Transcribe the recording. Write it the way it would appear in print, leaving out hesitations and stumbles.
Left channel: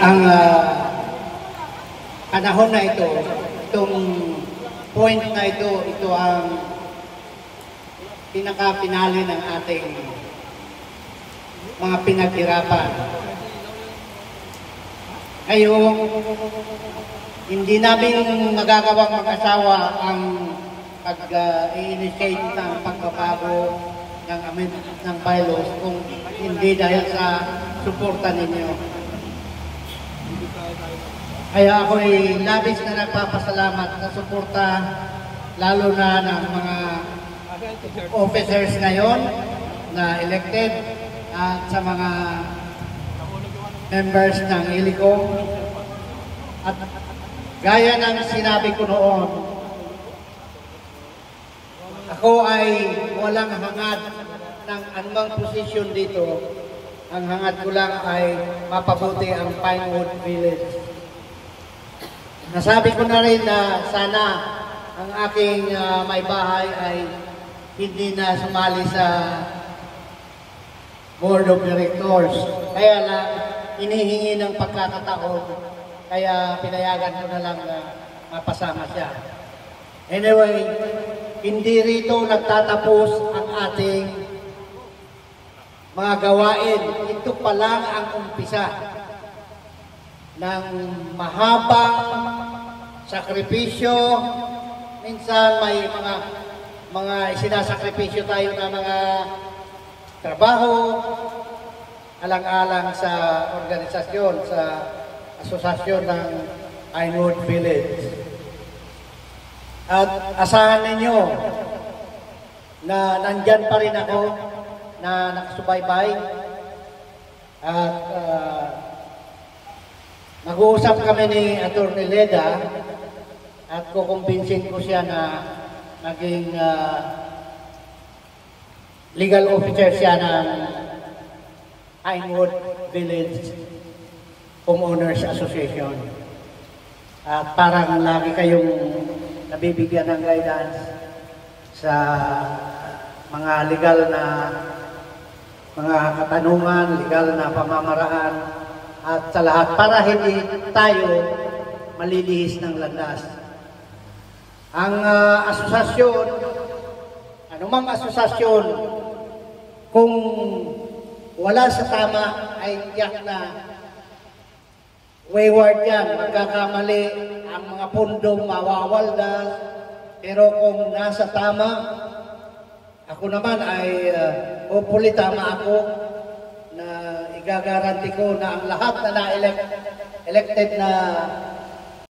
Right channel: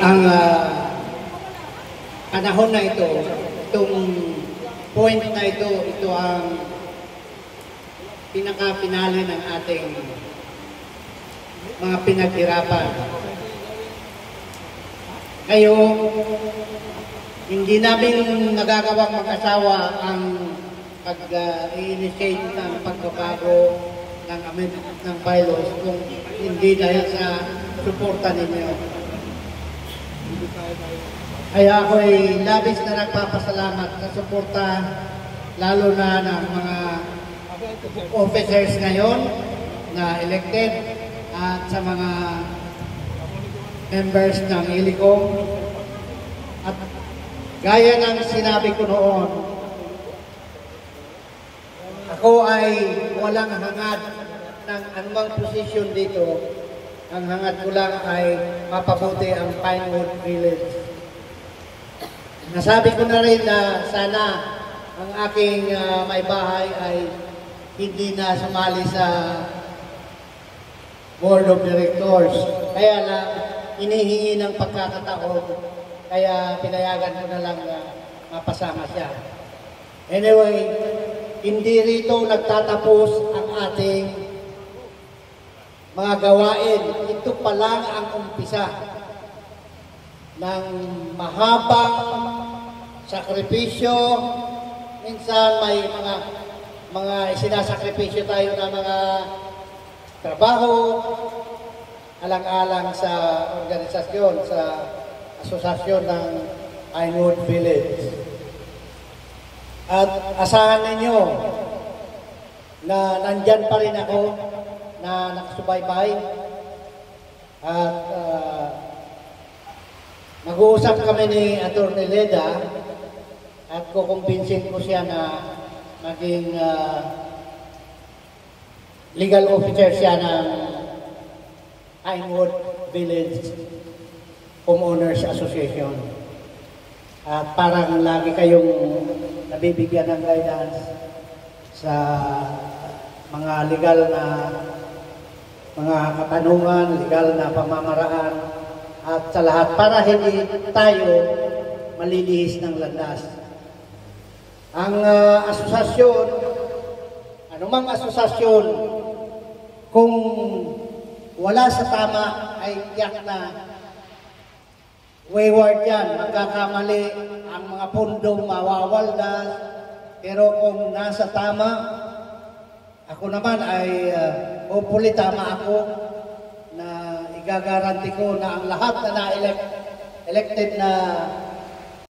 ang panahon na ito, itong point na ito ang pinaka-pinali ng ating mga pinaghirapan. Ngayon, hindi namin magagawang mag-asawa ang pag-i-initiate ng pagbabago ng amendment ng bylaws kung hindi dahil sa suporta ninyo. Kaya ako ay labis na nagpapasalamat sa suporta lalo na ng mga officers ngayon na elected at sa mga members ng ILICOM. At gaya ng sinabi ko noon, ako ay walang hangad ng anumang posisyon dito. Ang hangad ko lang ay mapabuti ang Pinewood Village. Nasabi ko na rin na sana ang aking may bahay ay hindi na sumali sa Board of Directors. Kaya lang inihingi ng pagkakataon, kaya pinayagan ko na lang na mapasama siya. Anyway, hindi rito nagtatapos ang ating mga gawain. Ito pa lang ang umpisa ng mahabang sakripisyo. Minsan may mga isinasakripisyo tayo na mga trabaho, alang-alang sa organisasyon, sa asosasyon ng Pinewood Village. At asahan ninyo na nandyan pa rin ako na nakasubaybay at mag-uusap kami ni Atty. Leda at kukumbinsin ko siya na naging legal officer siya ng Pinewood Village Homeowners Association. At parang lagi kayong nabibigyan ng guidance sa mga legal na mga katanungan, legal na pamamaraan, at sa lahat para hindi tayo malilihis ng landas. Ang asosasyon, anumang asosasyon, kung wala sa tama ay tiyak na wayward yan, magkakamali, ang mga pundong mawawaldas, pero kung nasa tama, ako naman ay hopefully tama ako na igagaranti ko na ang lahat na na-elected na